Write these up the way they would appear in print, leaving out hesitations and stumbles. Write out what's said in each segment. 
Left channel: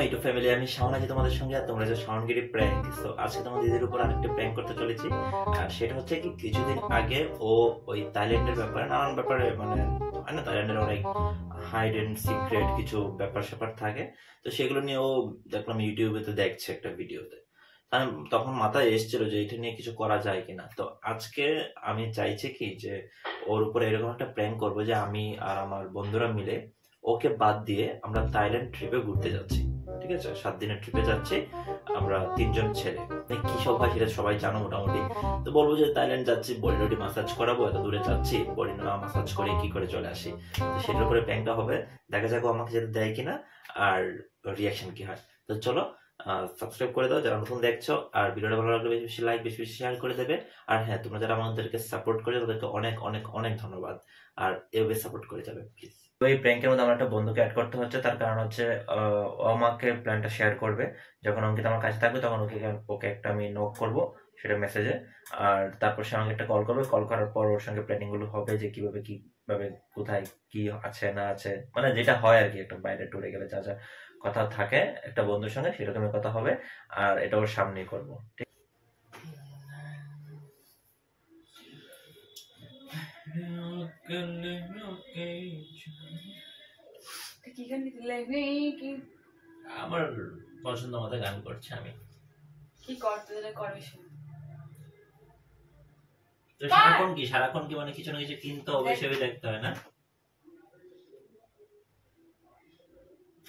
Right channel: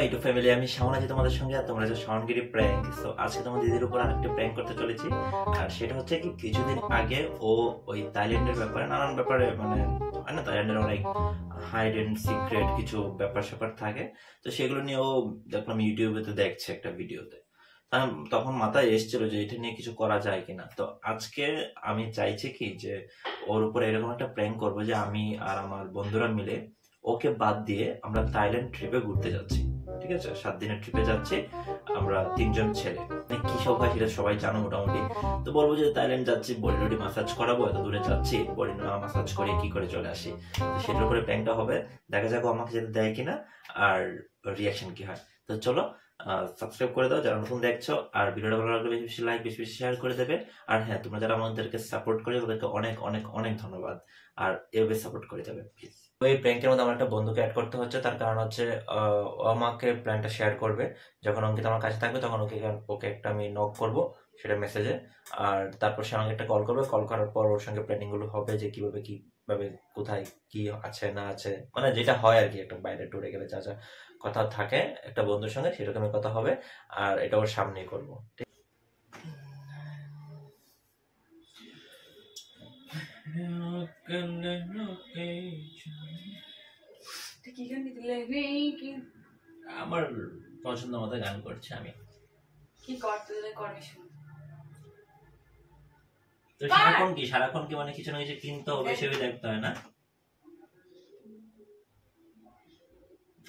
My YouTube family, আমি শাওন আছি তোমাদের সঙ্গে। আর তোমরা যে শাওনগিরি প্র্যাঙ্ক, তো আজকে তোমার দিদির উপর আরেকটা প্র্যাঙ্ক করতে চলেছি। আর সেটা হচ্ছে কি, কিছুদিন আগে ও ওই থাইল্যান্ডের ব্যাপারে নানান ব্যাপারে মানে থাইল্যান্ডের অনেক হাইড এন্ড সিক্রেট কিছু ব্যাপার স্যাপার থাকে, তো সেগুলো নিয়ে ও দেখলাম ইউটিউবে তো দেখছে একটা ভিডিওতে। তখন মাথায় এসেছিল যে এটা নিয়ে কিছু করা যায় কিনা। তো আজকে আমি চাইছি কি যে ওর উপরে এরকম একটা প্র্যাঙ্ক করবো যে আমি আর আমার বন্ধুরা মিলে ওকে বাদ দিয়ে আমরা থাইল্যান্ড ট্রিপে ঘুরতে যাচ্ছি। ঠিক আছে, 7 দিনের ট্রিপে যাচ্ছি আমরা 3জন ছেলে। কি সব হয় সেটা সবাই জানো মোটামুটি। তো বলবো যে থাইল্যান্ড যাচ্ছি, বডি টডি মাসাজ করাবো, এত দূরে যাচ্ছি, বডি মাসাজ করে কি করে চলে আসি। তো সেটার উপরে প্র্যাঙ্কটা হবে, দেখা যাক আমাকে যেটা দেয় কিনা আর রিয়াকশন কি হয়। তো চলো সাবস্ক্রাইব করে দাও যারা নতুন দেখছো, আর ভিডিওটা ভালো লাগলে বেশি বেশি লাইক, বেশি বেশি শেয়ার করে দেবে। আর হ্যাঁ, তোমরা যারা আমাদেরকে সাপোর্ট করছো তাদেরকে অনেক অনেক অনেক ধন্যবাদ, আর এভাবে সাপোর্ট করে যাবে প্লিজ। তো এই প্র্যাঙ্কের মধ্যে আমার একটা বন্ধুকে অ্যাড করতে হচ্ছে, তার কারণ হচ্ছে ও আমাকে প্ল্যানটা শেয়ার করবে। যখন অঙ্কিত আমার কাছে থাকবে তখন ওকে একটা আমি নক করবো সেটা মেসেজে, আর তারপর সে আমাকে একটা কল করবে। কল করার পর ওর সঙ্গে প্ল্যানিং গুলো হবে যে কিভাবে কোথায় কি আছে না আছে, মানে যেটা হয় আর কি, একটা বাইরে ট্যুরে গেলে যা যা কথা থাকে একটা বন্ধুর সঙ্গে সেরকমই কথা হবে, আর এটা ওর সামনেই করবো। আমার পছন্দ মতো গান করছি আমি। কি করতে দিলে করবি শুন। তো সারাক্ষণ কি মানে কিছু না কিছু কিনতে হবে, সেভাবে দেখতে হয় না।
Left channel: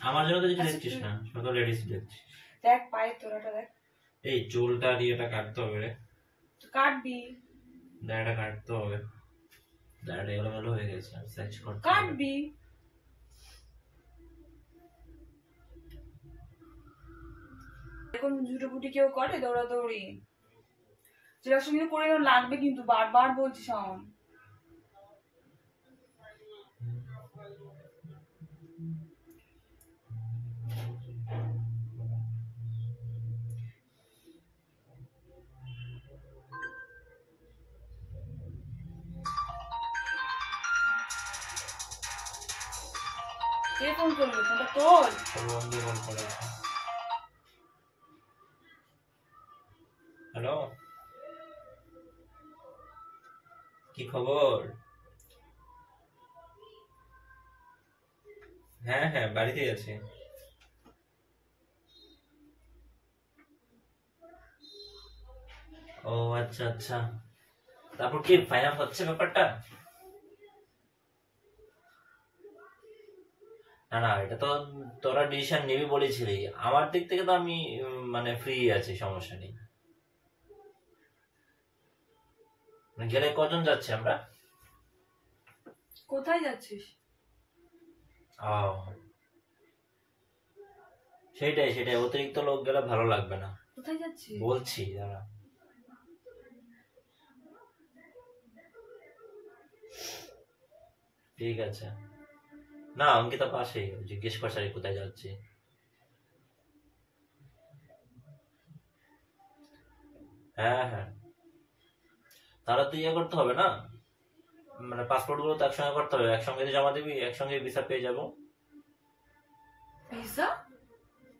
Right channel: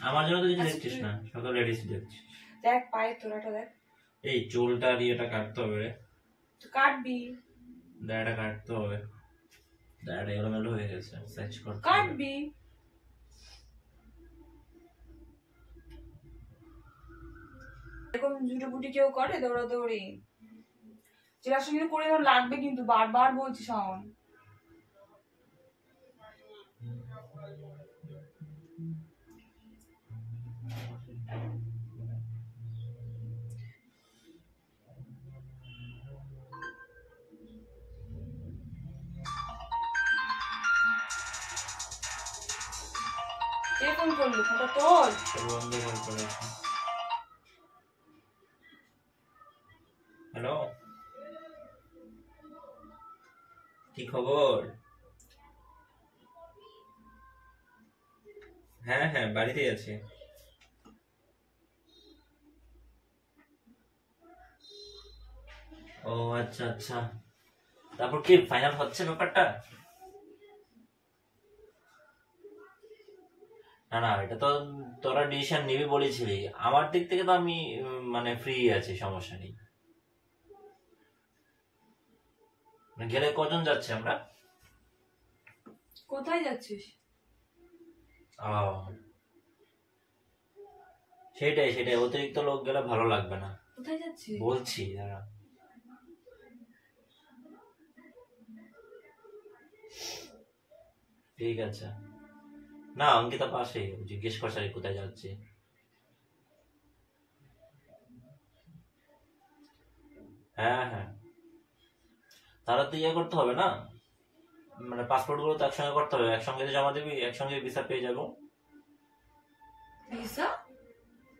আমার জন্য তো কিছু দেখছিস না, সকল লেডিস দেখছিস। দেখ পায়ে তোরাটা দেখ। এই চুলটা আর এটা কাটতে হবে রে। তো কাটবি। দাড়িটা কাটতে হবে, দাড়িটা এলোমেলো হয়ে গেছে, সার্চ করতে কাটবি। এরকম ঝুটোপুটি কেউ করে দৌড়াদৌড়ি? যেটা সঙ্গে করে লাগবে কিন্তু, বারবার বলছি শাওন। কে ফোন করলো? ফোনটা তোল। বন্ধু কল করেছে। হ্যালো, কি খবর? হ্যাঁ হ্যাঁ, বাড়িতেই আছি। ও আচ্ছা আচ্ছা, তারপর কি ফাইনাল হচ্ছে ব্যাপারটা? না না, এটা তো তোরা ডিসিশন নিবি বলেছিলি। আমার দিক থেকে তো আমি মানে ফ্রি আছি, সমস্যা নেই। গেলে কজন যাচ্ছে আমরা? কোথায় যাচ্ছিস? ও সেটাই অতিরিক্ত লোক গেলে ভালো লাগবে না। কোথায় যাচ্ছিস বলছি দাঁড়া। ঠিক আছে, না অঙ্কিতা পাশেই, জিজ্ঞেস করছে কোথায় যাচ্ছি। হ্যাঁ হ্যাঁ, তাহলে তো ইয়ে করতে হবে না, মানে পাসপোর্ট গুলো তো একসঙ্গে করতে হবে, একসঙ্গে জমা দিবি, একসঙ্গে ভিসা পেয়ে যাবো। ভিসা?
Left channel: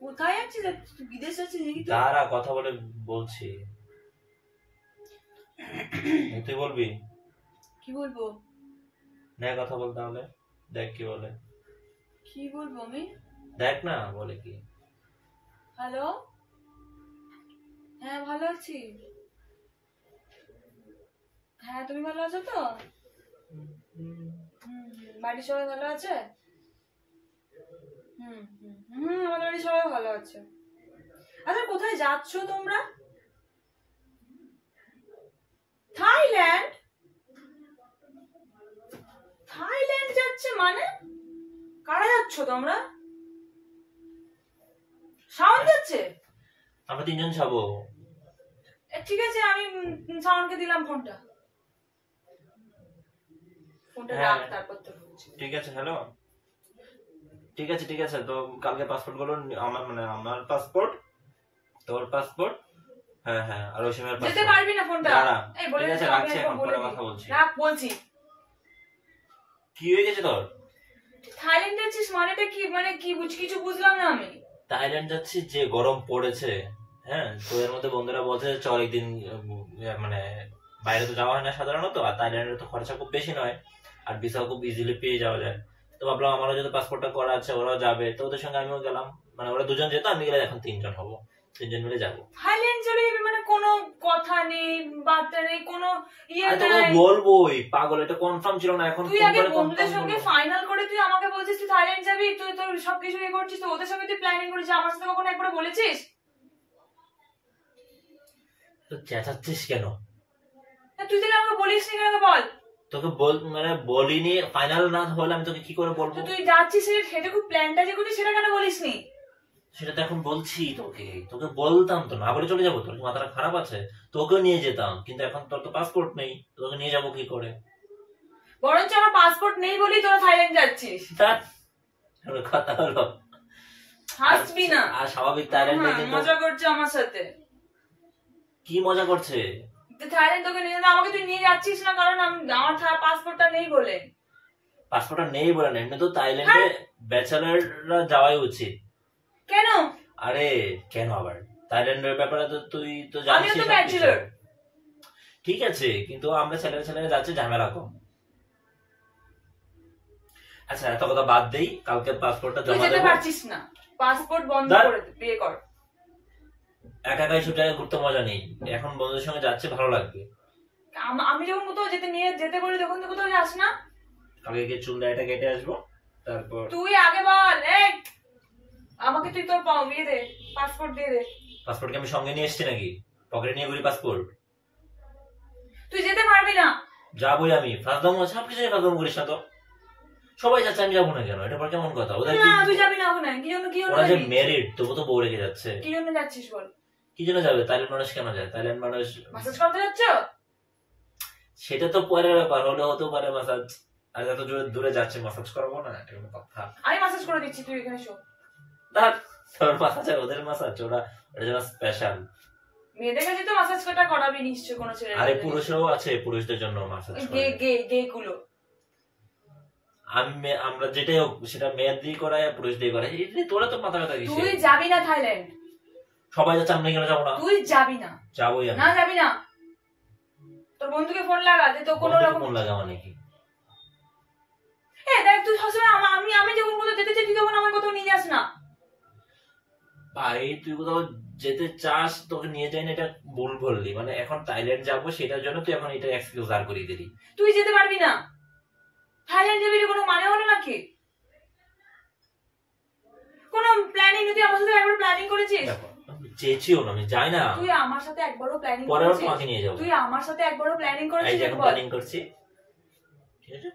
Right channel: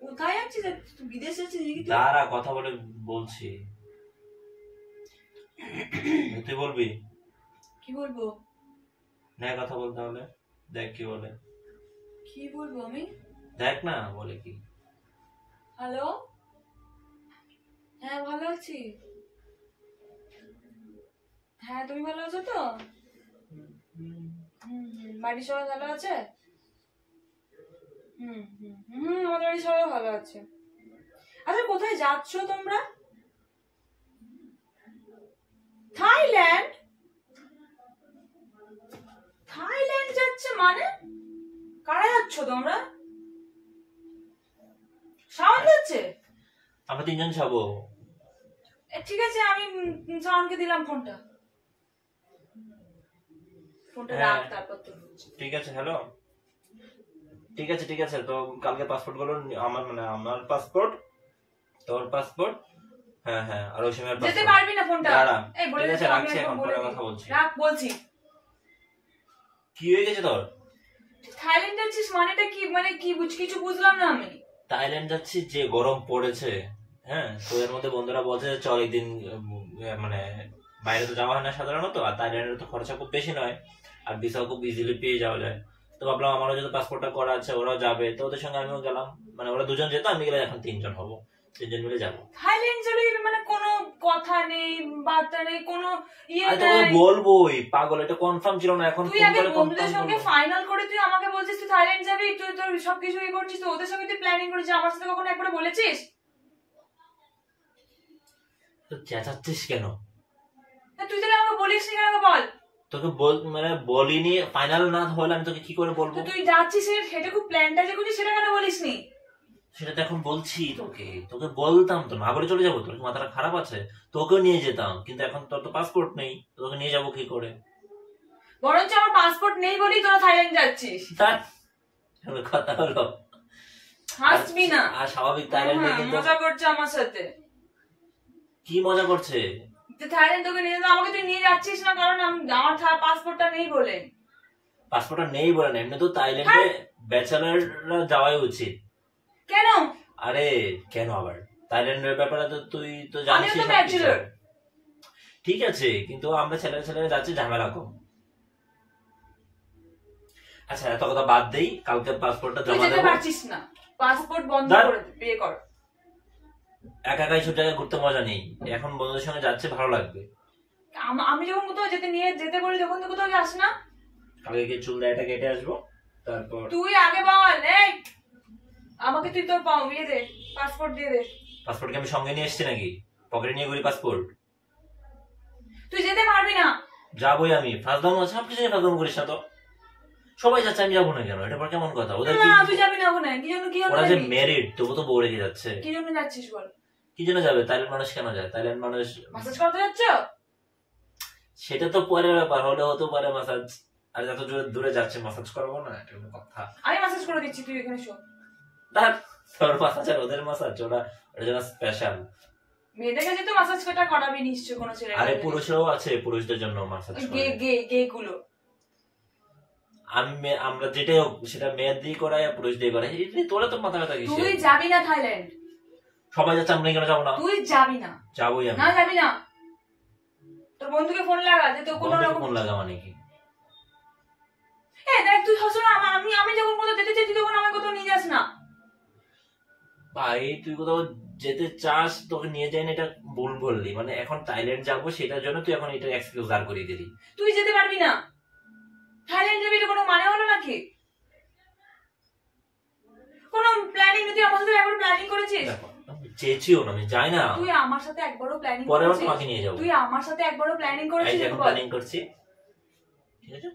কোথায় যাচ্ছিস? বিদেশ যাচ্ছিস নাকি? দাঁড়া, কথা বলে বলছি। তুই বলবি? কি বলবো? না, কথা বল তাহলে, দেখ কি বলে। কি বলবো আমি? দেখ না বলে কি। হ্যালো, হ্যাঁ ভালো আছি। হ্যাঁ তুমি ভালো আছো তো? বাড়ির সবাই ভালো আছে? আমাদের বাড়ির সবাই ভালো আছে। আচ্ছা কোথায় যাচ্ছ তোমরা? থাইল্যান্ড? থাইল্যান্ড যাচ্ছে মানে? কারা যাচ্ছ তোমরা? শাওন যাচ্ছে? আমরা 3জন যাবো। ঠিক আছে, আমি শাওনকে দিলাম ফোনটা। হ্যাঁ ঠিক আছে। হ্যালো, ঠিক আছে। তো কালকে পাসপোর্ট গুলো আমার পাসপোর্ট, তোর পাসপোর্ট, হ্যাঁ হ্যাঁ, আর ওই সময় যেতে পারবি না ফোনটা। এই বলে ঠিক আছে, রাখছি, এখন পরে কথা বলছি। রাখ বলছি। কি হয়ে গেছে তোর? থাইল্যান্ড যাচ্ছিস মানেটা কি? মানে কি কিছু বুঝলাম না আমি। থাইল্যান্ড যাচ্ছি, যে গরম পড়েছে, হ্যাঁ, তো এর মধ্যে বন্ধুরা বলছে চল একদিন মানে বাইরে তো যাওয়া হয় না সাধারণত, আর থাইল্যান্ডের তো খরচা খুব বেশি নয়, আর ভিসাও খুব ইজিলি পেয়ে যাওয়া যায়। তো ভাবলাম আমারও যদি পাসপোর্টটা করা আছে, ওরাও যাবে, তো ওদের সঙ্গে আমিও গেলাম। মানে ওরা দুজন যেত, আমি গেলে এখন 3 জন হবো, 3 জন মিলে যাবো। থাইল্যান্ড যাবে মানে কোনো কথা নেই, বার্তা নেই, কোনো ইয়ে আমি তোকে নাই। বলবোই পাগল, এটা কনফার্ম ছিল না, এখন তুই ফোন আগে করে বন্ধুদের কনফার্ম সঙ্গে করবো। ফাইনাল করে তুই আমাকে বলছিস তুই থাইল্যান্ড যাবি, তুই তোর সবকিছু ইয়ে করছিস, তো ওদের সঙ্গে তুই প্ল্যানিং করেছিস, আমার সাথে কখনো একবার বলেছিস? তো চেঁচাচ্ছিস কেন? তুই তাহলে আমাকে বলিস নি কেন, বল। তোকে মানে বলিনি, ফাইনাল না হলে আমি তোকে কি করে বলবো? তুই যাচ্ছিস সেটা খুব প্ল্যানটা যে করছিস সেটা কেন বলিস নি? সেটা তো এখন বলছি তোকে, তোকে বলতাম তো, না বলে চলে যাবো? তোর কি মাথাটা খারাপ আছে? তোকেও নিয়ে যেতাম, কিন্তু এখন তোর তো পাসপোর্ট নেই, তোকে নিয়ে যাবো কি করে? বরঞ্চ আমার পাসপোর্ট নেই বলেই তোরা থাইল্যান্ড যাচ্ছিস। তার কথা হলো, হাসবি না। আর স্বাভাবিক থাইল্যান্ডে কিন্তু মজা করছে আমার সাথে। কি মজা করছে? থাইল্যান্ড তোকে নিয়ে আমাকে তুই নিয়ে যাচ্ছিস না কারণ আমার পাসপোর্টটা নেই বলে। পাসপোর্টটা নেই বলে না, এমনি তো থাইল্যান্ডে ব্যাচেলাররা যাওয়াই উচিত। কেন? আরে কেন আবার? থাইল্যান্ডের ব্যাপারে তো তুই তো আমিও জানিস। তো ব্যাচেলর। ঠিক আছে, কিন্তু আমরা ছেলেরা যাচ্ছি, ঝামেলা কম। আচ্ছা এত কথা বাদ দেই, কালকে পাসপোর্টটা তুই জমা যেতে দেবো। পারছিস না, পাসপোর্ট বন্ধ করে দে, বিয়ে কর। একা একাই ছুটে ঘুরতে মজা নেই, এখন বন্ধুদের সঙ্গে যাচ্ছে, ভালো লাগবে। আমি যখন কোথাও যেতে বলি তখন তুই কোথাও যাস না। কালকে গিয়ে চুল দাড়িটা কেটে আসবো, তারপর তুই আগে বল, এই আমাকে তুই তোর ইয়ে দে, পাসপোর্ট দিয়ে দে। পাসপোর্ট কি আমি সঙ্গে নিয়ে এসেছি নাকি? পকেটে নিয়ে ঘুরি পাসপোর্ট? তুই যেতে পারবি না। যাবোই আমি, ফাঁসদাম সব কিছু ফাঁসদাম করিস না তো। সবাই যাচ্ছে, আমি যাবো না কেন? এটা পর কেমন কথা? ওদের না তুই যাবি না ওখানে, কি জন্য ওরা যে যাবি? মেরিট, তবু তো বউ রেখে যাচ্ছে। কি জন্য যাচ্ছিস বল? কি জন্য যাবে? থাইল্যান্ড মানুষ কেন যায়? থাইল্যান্ড মানুষ ম্যাসাজ করতে যাচ্ছ? সেটা তো পরের ব্যাপার, হলে হতেও পারে মাসাজ। আর যত দূরে যাচ্ছে মাসাজ করবো না, এটা কোনো কথা? আমি ম্যাসাজ করে দিচ্ছি, তুই এখানে শো। তার তোর মাসাজ আর ওদের মাসাজ, ওরা যেন স্পেশাল। মেয়েদের কাছে তো ম্যাসাজ করতে করাবি নিশ্চয় কোনো ছেলে। আরে পুরুষরাও আছে, পুরুষদের জন্য মাসাজ গে করে। গে গে গুলো। আমরা যেটাই হোক, সেটা মেয়ের দিয়ে করায় আর পুরুষ দিয়ে করায়, তোরা তো মাথা ব্যথা কিসে? তুই যাবি না থাইল্যান্ড। সবাই যাচ্ছে, আমরা কেন যাবো না? তুই যাবি না। যাবোই আমি। না যাবি না। তোর বন্ধুকে ফোন লাগা যে তো কোনো রকম ফোন লাগা মানে কি? দেখ তুই সবসময় আমি যখন কোথাও যেতে চাই তুই তখন আমাকে কোথাও নিয়ে যাস না। ভাই তুই কোথাও যেতে চাস, তোকে নিয়ে যাই না, এটা ভুল বললি। মানে এখন থাইল্যান্ড যাবো, সেটার জন্য তুই এখন এটা এক্সকিউজ দাঁড় করিয়ে দিলি। তুই যেতে পারবি না। থাইল্যান্ড যাবি, এটা কোনো মানে হলো নাকি? কোনো প্ল্যানিং তুই আমার সাথে একবার প্ল্যানিং করেছিস? চেয়েছিও না, আমি যাই না। তুই আমার সাথে একবারও প্ল্যানিং পরে করেছিস? তোমাকে নিয়ে যাবো। তুই আমার সাথে একবারও প্ল্যানিং এই করেছিস? যে এখন প্ল্যানিং করছি, ঠিক আছে,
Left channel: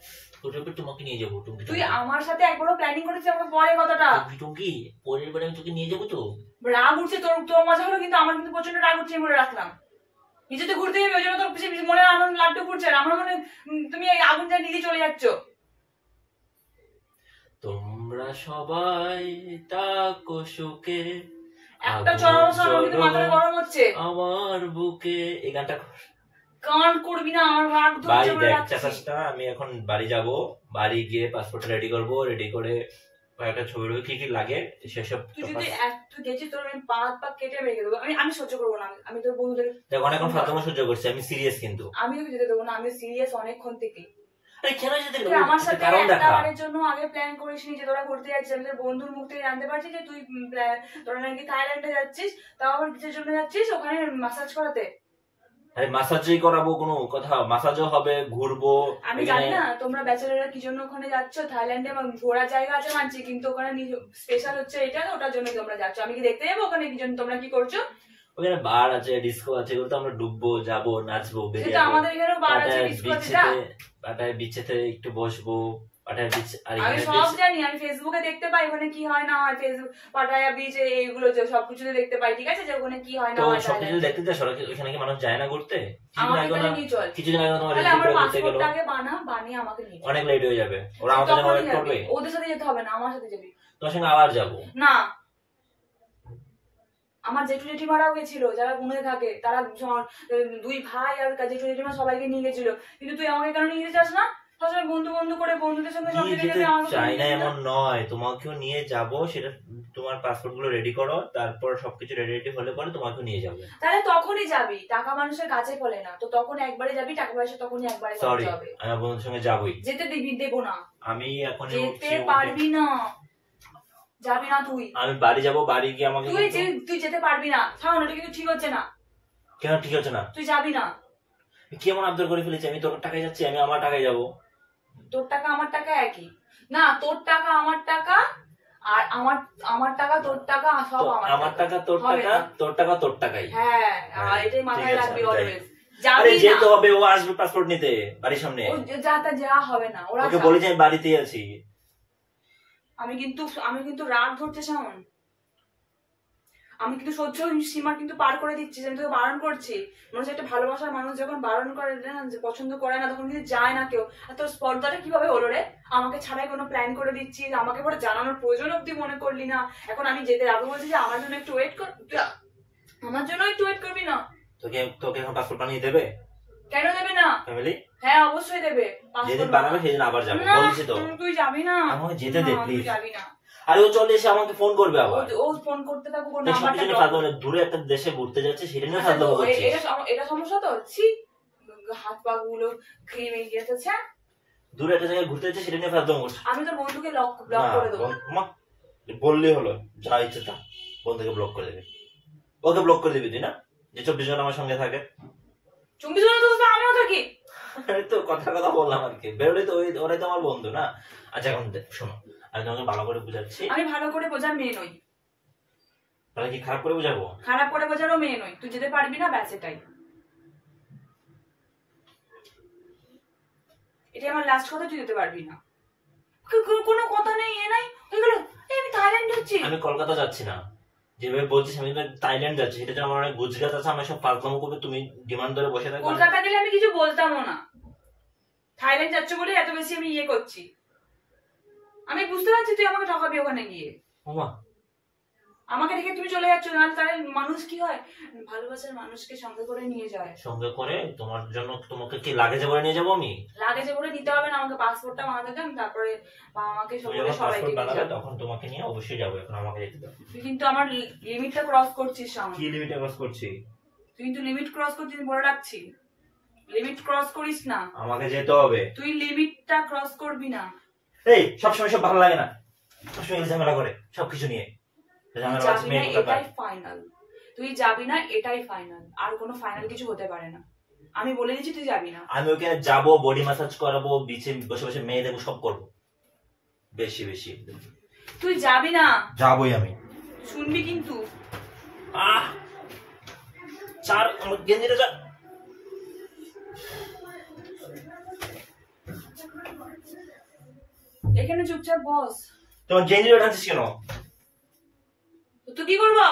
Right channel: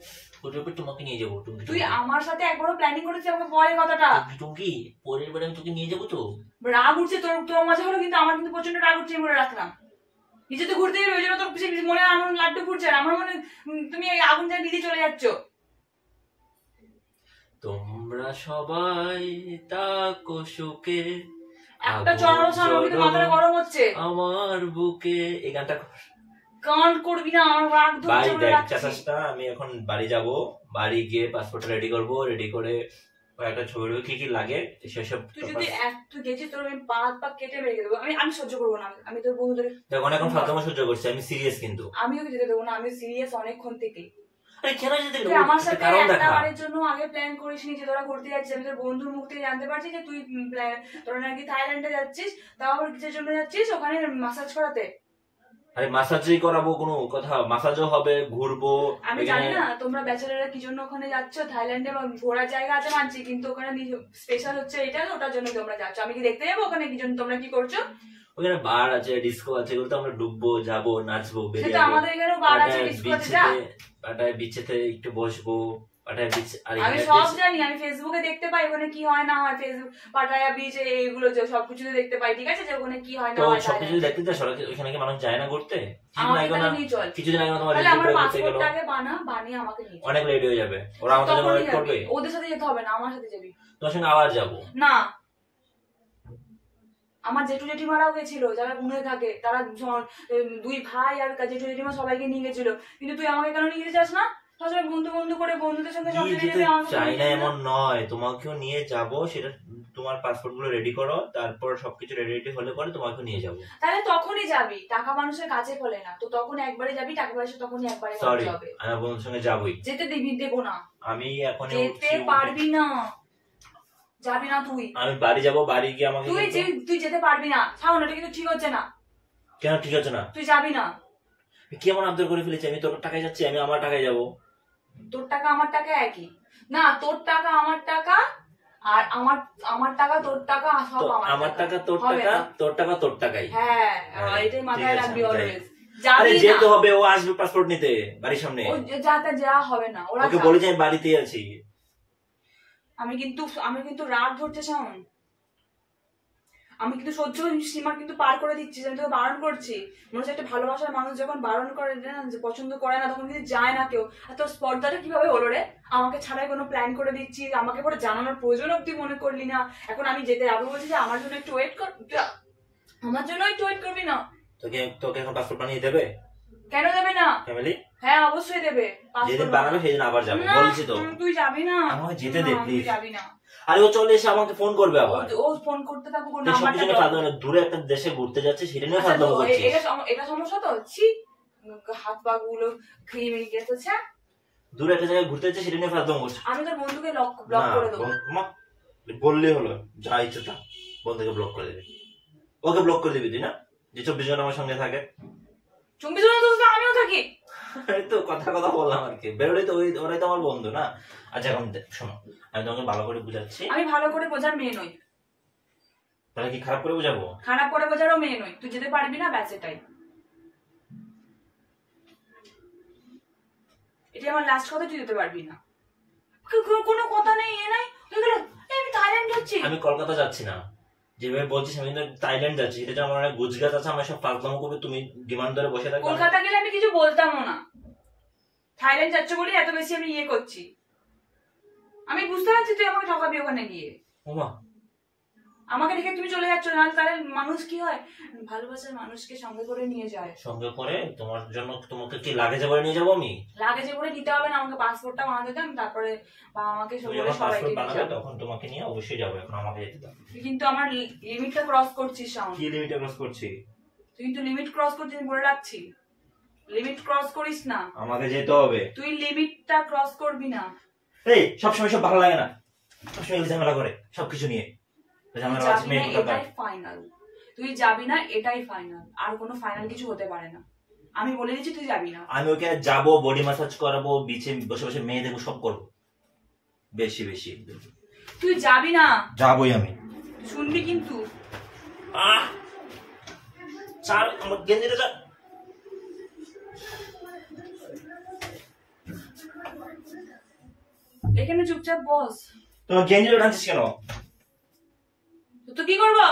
ওটার উপর তোমাকে নিয়ে যাবো। তুই আমার সাথে একবারও প্ল্যানিং করেছিস? আমাকে বল এই কথাটা। টুঙ্কি পরের বার আমি তোকে নিয়ে যাবো তো। রাগ উঠছে তোর, তোর মজা হলো, কিন্তু আমার কিন্তু প্রচন্ড রাগ উঠছে, মনে রাখলাম। নিজে তো ঘুরতে যাবে, ওই জন্য তোর মনে আনন্দ লাড্ডু ফুটছে, আর আমার মনে তুমি এই আগুন যা নিজে চলে যাচ্ছ। তোমরা সবাই তাকো সুখে, একটা চড়ানো সামনে কিন্তু মাথাটা গরম হচ্ছে আমার বুকে। এই গানটা গান করবি না, আমার রাগ ভাই ধরছে, মনে দেখ রাখছি। চাচাসটা, আমি এখন বাড়ি যাব, বাড়ি গিয়ে পাসপোর্টটা রেডি করব, রেডি করে কয়েকটা ছবি টবি কি কি লাগে সেসব। তুই যদি তুই গেছিস তোর আমি পা কেটে মেরে দেবো। আমি সহ্য করবো না। আমি তোর বন্ধুদের দেখ অনেকক্ষণ ফালতু সহ্য করছি, আমি সিরিয়াস কিন্তু। আমি তোকে যেতে দেবো না, আমি সিরিয়াস অনেকক্ষণ থেকে। আরে কেন যেতে তুই আমার সাথে কারণ একটা দেখা। বারের জন্য আগে প্ল্যান করিসনি যে তোরা ঘুরতে যাচ্ছিস। আমি তোর বন্ধুর মুখ থেকে জানতে পারছি যে তুই তোরা নাকি থাইল্যান্ডে যাচ্ছিস, তাও আবার কিসের জন্য যাচ্ছিস? ওখানে ম্যাসাজ করাতে। আরে মাসাজই করাবো, কোনো কথা? মাসাজও হবে, ঘুরবো। আমি জানি না তোমরা ব্যাচেলাররা কি জন্য ওখানে যাচ্ছ থাইল্যান্ডে। ঘোরার জায়গা আছে মানছি, কিন্তু ওখানে স্পেশাল হচ্ছে এটা, ওটার জন্য তোমরা যাচ্ছ। আমি কি দেখতে যাবো ওখানে কি জন্য তোমরা কি করছো? ওখানে বার আছে, ডিস্কো আছে, এগুলো তো আমরা ডুববো, যাবো, নাচবো, সেটা বেরিয়ে আমাদের এখানেও বার আছে, ডিস্কো আছে, যা। পাটায় বিচেতে একটু বসবো, পাটায় বিচ। আর আমি সব জানি, আমি ফেসবুকে দেখতে পাই ওখানে কি হয় না হয়। ফেসবুক পাটায়া বিচে এইগুলো যে সবকিছুতে দেখতে পাই, ঠিক আছে, যে ওখানে কি হয় না তো হয়। সবকিছু দেখতে যাস, ওখানে কি মানুষ যায় না ঘুরতে? আমাকে তাহলে নিয়ে চল। কিছুদিন আগে তোমার তাহলে আমার ঘুরতে গেল, পাসপোর্টটাকে বানিয়ে আমাকে নিয়ে চল। অনেক লেট হয়ে যাবে, ওরা আমাদের জন্য ওয়েট করবে। ওদের সাথে যেতে হবে না, আমার সাথে যাবি। তোর সঙ্গে আবার যাবো না, আমার জেঠু জেঠিমারাও গেছিল, যারা গুনে থাকে, তারা দুই ভাই আর জেঠু জেঠিমা সবাইকে নিয়ে গেছিল, কিন্তু তুই আমাকে কেন নিয়ে যেতে চাস না? তাহলে বন্ধু বন্ধু করে বন্ধুদের সঙ্গে সব নিয়ে জায়গায় যেতে যাবে, আমাকে চাই নিয়ে না যাবে না? এমন নয়, তোমাকেও নিয়ে যাব, সেটা তোমার পাসপোর্ট গুলো রেডি করো, তারপর সবকিছু রেডি হলে পরে তোমাকেও নিয়ে যাবো। তাহলে তখনই যাবি, টাকা মানুষের কাছে ফলে না, তো তখন একবারে যাবি, টাকা পয়সা তখনই একবারে সরি, খরচ হবে। আমি বন্ধুর সঙ্গে যাবই। যেতে দিবি, দেবো না, আমি এখন যেতে পারবি না, যাবি না তুই। আমি বাড়ি যাব, বাড়ি গিয়ে আমাকে তুই যেতে পারবি না, শাওন, এটা কিন্তু ঠিক হচ্ছে না। কেন ঠিক আছে না? তুই যাবি না। কি এমন আবদার করে ফেলেছি? আমি তোর টাকায় যাচ্ছি, আমি আমার টাকায় যাবো। তোর টাকা আমার টাকা একই না, তোর টাকা আমার টাকা, আর আমার টাকা তোর টাকা, সব আমার টাকা তোর টাকা, তোর টাকা তোর টাকাই। হ্যাঁ, আর এটাই মাথায় রাখবি অলওয়েজ। আরে যেতে হবে, ও আসবে পাসপোর্ট নিতে বাড়ির সামনে। ও যা হবে না, ওরা ওকে বলি যে আমি বাড়িতেই আছি। আমি কিন্তু রাগ ধরতে চান, আমি কিন্তু সহ্য সীমা কিন্তু পার করে দিচ্ছি, আমি তোকে বারণ করছি। মনে হচ্ছে একটা ভালোবাসার মানুষ যখন বারণ করে না, যে পছন্দ করে না, তখন কিন্তু যায় না কেউ। আর তোর স্পর্ধাটা কিভাবে হলো রে? আমাকে ছাড়াই কোনো প্ল্যান করে দিচ্ছি, আমাকে পরে জানানোর প্রয়োজন অব্দি মনে করলি না। এখন আমি যেতে যাবো বলছি যে আমার জন্য একটু ওয়েট কর, আমার জন্য একটু ওয়েট করবি না? তোকে এখন পাসপোর্ট বানিয়ে দেবে? কেন দেবে না? ফ্যামিলি হ্যাঁ, অবশ্যই দেবে। যেদিন বানাবে সেদিন আবার যাবো, বলছি তো। তুই যাবি না, আমাকে যেতে দে প্লিজ। তুই যাবি না। আরে ও চলে এসে আমাকে ফোন করবে আবার। ও ফোন করতে থাকুক, ওর সবকিছু নাম্বারটা নিয়ে ফালতু, দূরে একটা দেশে ঘুরতে যাচ্ছে, সেটা নিয়ে ফালতু করছিস। এটা সমস্যা তো, ছি, হাত পা গুলো খেয়ে মেয়ে গেছে। দূরে একটা জায়গায় ঘুরতে যাচ্ছে, সেটা নিয়ে ফালতু করছিস। আমি তোর বন্ধুকে ব্লক করে দেবো। বললেই হলো, যা ইচ্ছে তা বন্ধুকে ব্লক করে দেবে। ওকে ব্লক করে দিবি তুই না, যে 24 ঘন্টা আমার সঙ্গে থাকে। 24 ঘন্টা তো আমিও থাকি। তো কথা বললাম আর কি, বেরোলে তো ওরাই তো আমার বন্ধু না। আচ্ছা এখন শোনো, আমি তোমাকে ভালো করে বুঝাচ্ছি। আমি ভালো করে বোঝার মেয়ে নই। তাহলে কি খারাপ করে বুঝাবো? খারাপ করে বোঝারও মেয়ে নই। তুই যেতে পারবি না, ব্যাস এটাই। এটা আমার লাস্ট কথা, তুই যেতে পারবি না। কোনো কথা নেই, এ নাই এগুলো। আমি থাইল্যান্ড যাচ্ছি। আমি কলকাতা যাচ্ছি না, যেভাবে বলছিস আমি থাইল্যান্ড যাচ্ছি, সেটা আমার অনেক গুজরাট আছে, আমার সব ফালতু করবে, তুমি ডিমান্ড ধরে বসে থাকবে। কলকাতা গেলে আমি কিছু বলতামও না, থাইল্যান্ড যাচ্ছ বলে এত বেশি আমি করছি। আমি বুঝতে পারছি তুই আমাকে ঠকাবি ওখানে গিয়ে। ওমা, আমাকে দেখে তুমি চলে যাচ্ছ না, তাহলে মানুষ কি হয়, ভালোবাসার মানুষকে সঙ্গে করে নিয়ে যায়। সঙ্গে করে তোমার জন্য, তোমাকে কি লাগেজে করে নিয়ে যাবো আমি? লাগেজে করে দিতে হবে না, আমাকে পাসপোর্টটা বানাতে দেন, তারপরে আমাকে সবাইকে বানাবে, তখন তোমাকে নিয়ে অবশ্যই যাবো। এখন আমাকে যেতে দাও। তুই কিন্তু আমার লিমিটটা ক্রস করছিস। কি লিমিট ক্রস করছি? তুই কিন্তু লিমিট ক্রস করছিস, বলে রাখছি। লিমিট ক্রস করিস না, আমাকে যেতে হবে। তুই লিমিটটা ক্রস করবি না। এই সবসময় সব ভালো লাগে না, সবসময় ঝামেলা করে সবকিছু নিয়ে। এটাই ফাইনাল, তুই যাবি না, এটাই ফাইনাল, আর কোনো ফাইনাল কিছু হতে পারে না। আমি বলে দিচ্ছি তুই যাবি না। আমি ওখানে যাবো, বডি ম্যাসাজ করাবো, বিচে বসে বসে মেয়ে দেবো, সব করবো, বেশি বেশি। তুই যাবি না। যাবোই আমি, শুনবি কিন্তু। চার আমার গেঞ্জিটা যা। এখানে চুপচাপ বস। তোমার গেঞ্জিটা টানছিস কেন? তুই কি করবো?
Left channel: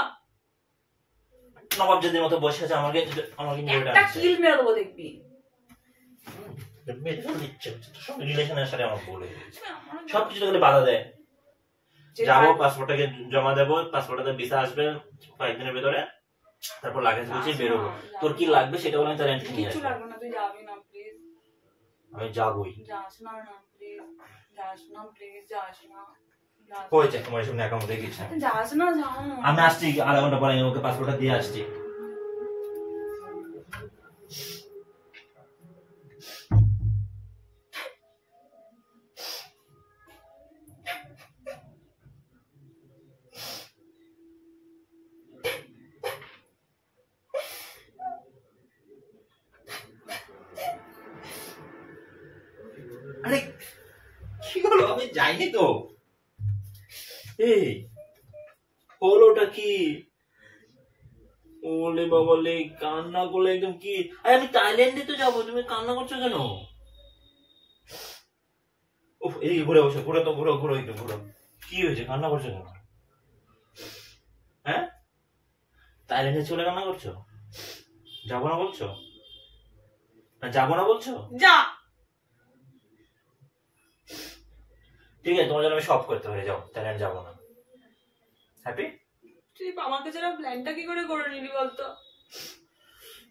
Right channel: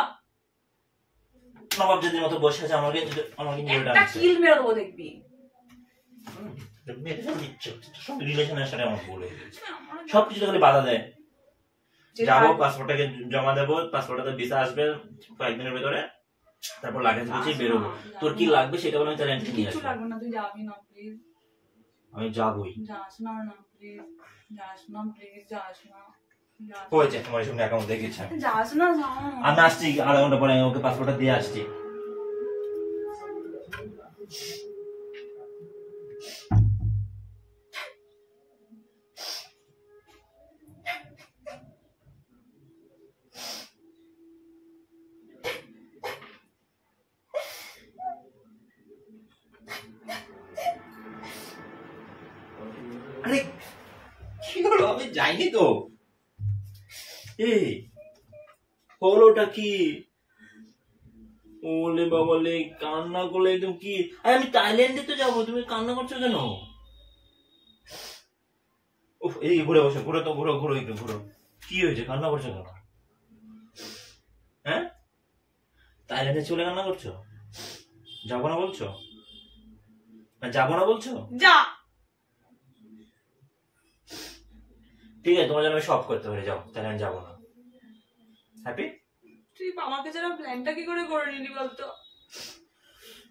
নবাব যদি মতো বসে আছে, আমার গেঞ্জিটা একটা কিল মেরে দেবো, দেখবি। সব রিলেশনের সাথে আমার বলে সবকিছু তো বাধা দেয়। যাবো, পাসপোর্টটাকে জমা দেবো, পাসপোর্টটাতে ভিসা আসবে কয়েকদিনের ভেতরে, তারপর লাগেজ গুছিয়ে বেরোবো। তোর কি লাগবে সেটা বলে আমি তোর এন্ট্রি নিয়ে আসবো। কিছু লাগবে না, তুই যাবি না প্লিজ। আমি যাবোই। যাস না প্লিজ, যাস না প্লিজ, যাস না। হয়েছে, তোমার সঙ্গে অ্যাকাউন্ট দেখিয়েছে। যাস না, যাও। আমি আসছি আধা ঘন্টা পরে, আমি ওকে পাসপোর্টটা দিয়ে আসছি। আরে কি হলো? আমি যাইনি তো। এই হলোটা কি? ওলে বাবালে, কান্না করলে একদম কি? আমি থাইল্যান্ডে তো যাবো, তুমি কান্না করছো কেন? এই ঘুরে বসো, ঘুরে তো ঘুরো ঘুরো, একটু ঘুরো। কি হয়েছে, কান্না করছো কেন? হ্যাঁ, থাইল্যান্ডে চলে কান্না করছো? যাবো না বলছো? যাবো না বলছো? যা। ঠিক আছে, তোমার জন্য আমি সব করতে পারি, যাও, থাইল্যান্ড যাবো না। হ্যাপি? তুই আমাকে ছাড়া প্ল্যানটা কি করে নিলি বলতো?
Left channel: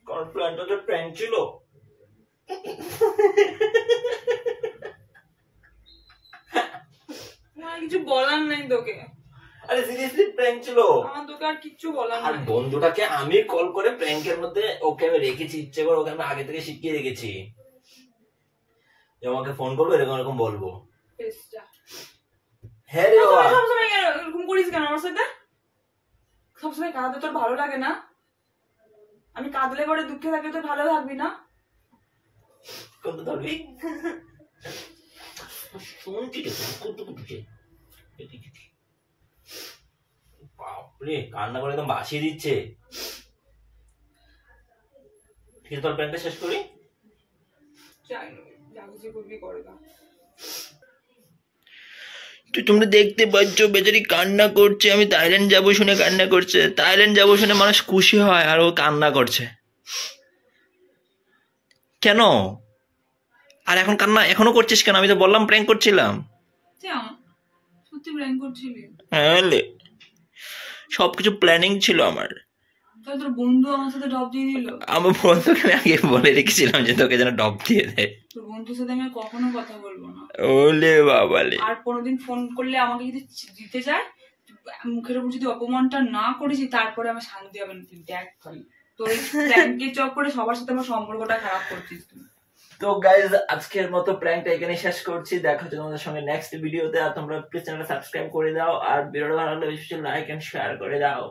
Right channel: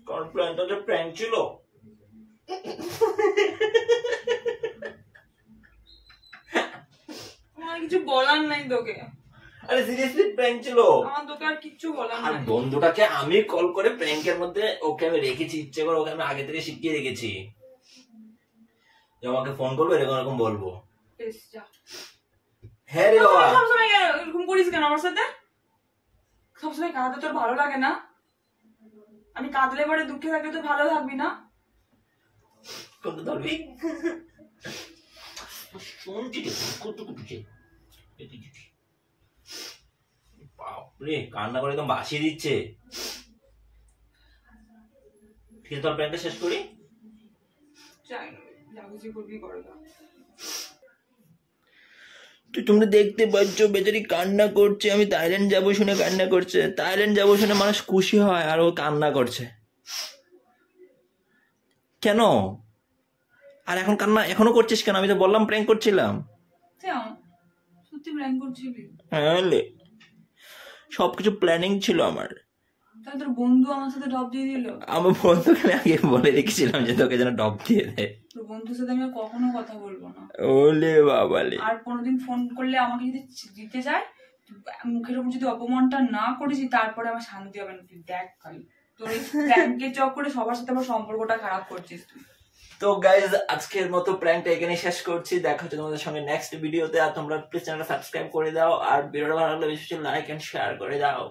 কারণ প্ল্যানটা তো প্র্যাঙ্ক ছিল। কিছু বলার নাই তোকে, আরে সিরিয়াসলি প্র্যাঙ্ক ছিল। আমার তোকে আর কিচ্ছু বলার আর নাই। বন্ধুটাকে আমি কল করে প্র্যাঙ্কের মধ্যে ওকে আমি রেখেছি, ইচ্ছে করে ওকে আমি আগে থেকে শিখিয়ে রেখেছি যে আমাকে ফোন করবো এরকম এরকম বলবো। বেশ, যা। হ্যাঁ রে বাবা, সবসময় এরকম করিস কেন আমার সাথে? সবসময় কাঁদতে তোর ভালো লাগে না? আমি কাঁদলে পরে দুঃখে থাকলে তুই ভালো থাকবি না? কোনটা ধরবি? শুনছি তো কত কুটুছে, বাপরে কান্না করে একদম ভাসিয়ে দিচ্ছে। ঠিক আছে, তোর প্যান্টটা শেষ করি। যাই না, যা খুশি করবি করে না। তো তোমরা দেখতে পাচ্ছ বেচারি কান্না করছে, আমি থাইল্যান্ড যাবো শুনে কান্না করছে। থাইল্যান্ড যাবো শুনে মানুষ খুশি হয় আর ও কান্না করছে কেন? আর এখন কান্না এখনো করছিস কেন? আমি তো বললাম প্র্যাঙ্ক করছিলাম। সত্যি প্ল্যান করছিলি? হ্যাঁ, সবকিছু প্ল্যানিং ছিল আমার। তাহলে তোর বন্ধু আমার সাথে ডব দিয়ে দিল? আমার বন্ধুকে আমি আগে বলে রেখেছিলাম যে তোকে যেন ডব দিয়ে দেয়। তোর বন্ধুর সাথে আমি আর কখনো কথা বলবো না। ওলে বাবালে। আর কোনোদিন ফোন করলে আমাকে যদি দিতে যায়, মুখের উপর যদি অপমানটা না করেছি, তারপরে আমার শান্তি হবে না। তুই দেখ খালি তোর প্র্যাঙ্কের চক করে সবার সাথে আমার সম্পর্কটা খারাপ করছিস তুই। তো গাইজ আজকের মতো প্র্যাঙ্কটা এখানে শেষ করছি। দেখা হচ্ছে তোমাদের সঙ্গে নেক্সট ভিডিওতে। আর তোমরা প্লিজ চ্যানেলটা সাবস্ক্রাইব করে দাও, আর ভিডিওটা ভালো লাগলে বেশি লাইক এন্ড শেয়ার করে দাও।